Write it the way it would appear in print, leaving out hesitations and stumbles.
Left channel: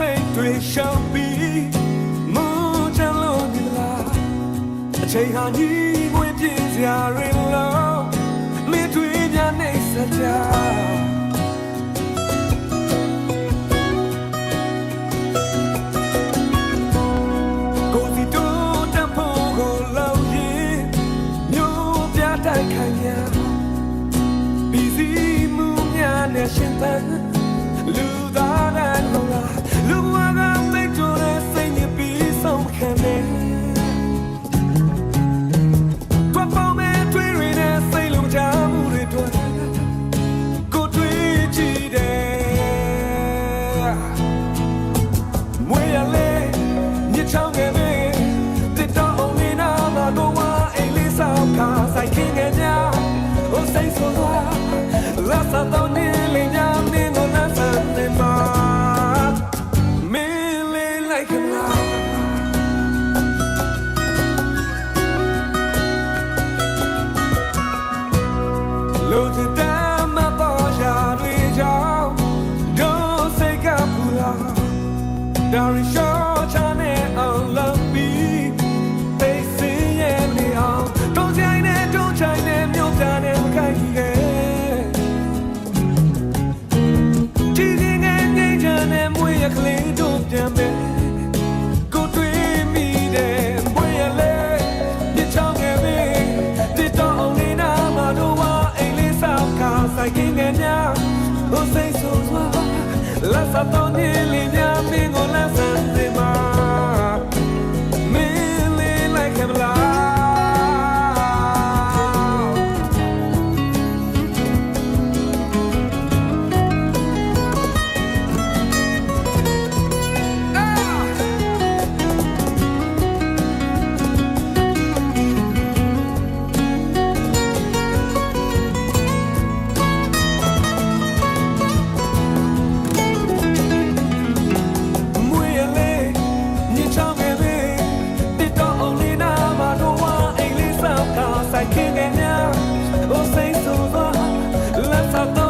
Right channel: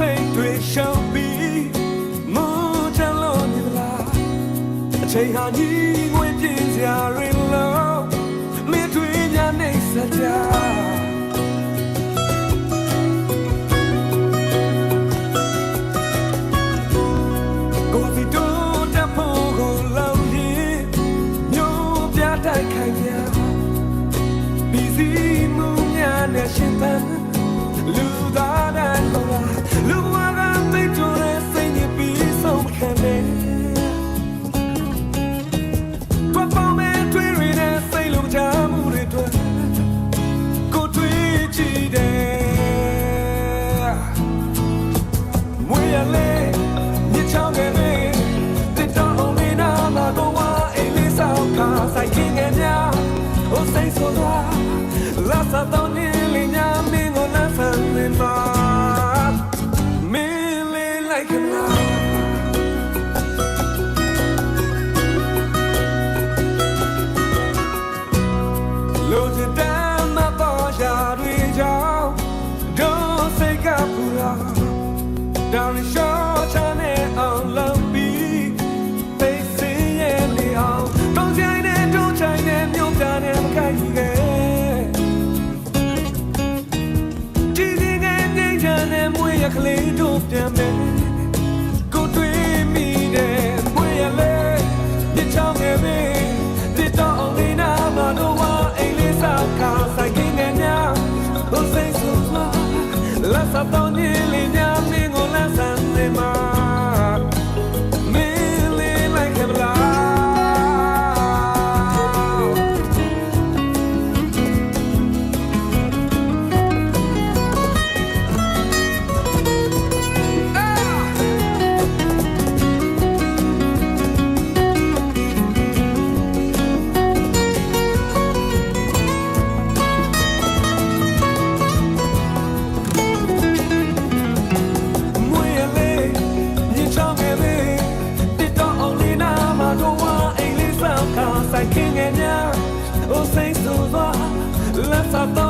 စိတ်တွေရှောင်ပြီးမူချမ်းလို့နေလားအချိန်ဟာညီငွေပြင်းစရာတွေလို့မင်းတွေများနေစကြကိုစီတိုးတဖို့ကိုလောက်ရင်မျိုးပြတိုက်ခိုင်များပြီးစီမှုများနဲ့ရှင်သန်လူသားတိုင်းဟောလားလူဘဝကသိကြတဲ့စိတ်ညစ်ပြီးဆုံးခံနေတွတ်ပေါမဲ့တွေ့ရတဲ့စိတ်လုံးချမှုတွေတွေ့ကိုတွေ့ကြည့်တယ်မွေရလေညချောင်းငယ်ပဲတစ်တော်အောင်လေးနာမှာတော့ဝါအိမ်လေးဆောင်ခါဆိုင်ခင်းငယ်များဟိုစိတ်ဆိုသွားလာစားတော့နေလေညာမင်းကိုလာဆန်းနေမှာမင်းလေးလိုက်ခလာလူတဲ့တမ်းမပေါ်ရှာတွေကြောင့်ဒုစိတ်ကပူလာဒါရီရှော့ချနဲ့အောင်လုပ်ပြီးသိစင်းရဲ့နေအောင်တုံးချိုင်းနဲ့တုံးချိုင်းနဲ့မြို့ပြနဲ့မခိုက်ကြီးခဲ့မွေရကလေးတို့ပြန်မယ်ကိုတွေ့မိတယ်မွေရလေညချောင်းငယ်ပဲတစ်တော်အောင်လေးနာမှာတော့ဝါအိမ်လေးဆောက်ခါဆိုင်ခင်းငယ်များဟိုစိတ်ဆိုးစွာလက်စတော့နေလေးများမင်းကိုလက်ဆန်းနေမှာမင်းလေးလိုက်ခဲ့မလားဆိုင်ခင်းငယ်များဟိုစိတ်ဆိုးသွားလက်စတော့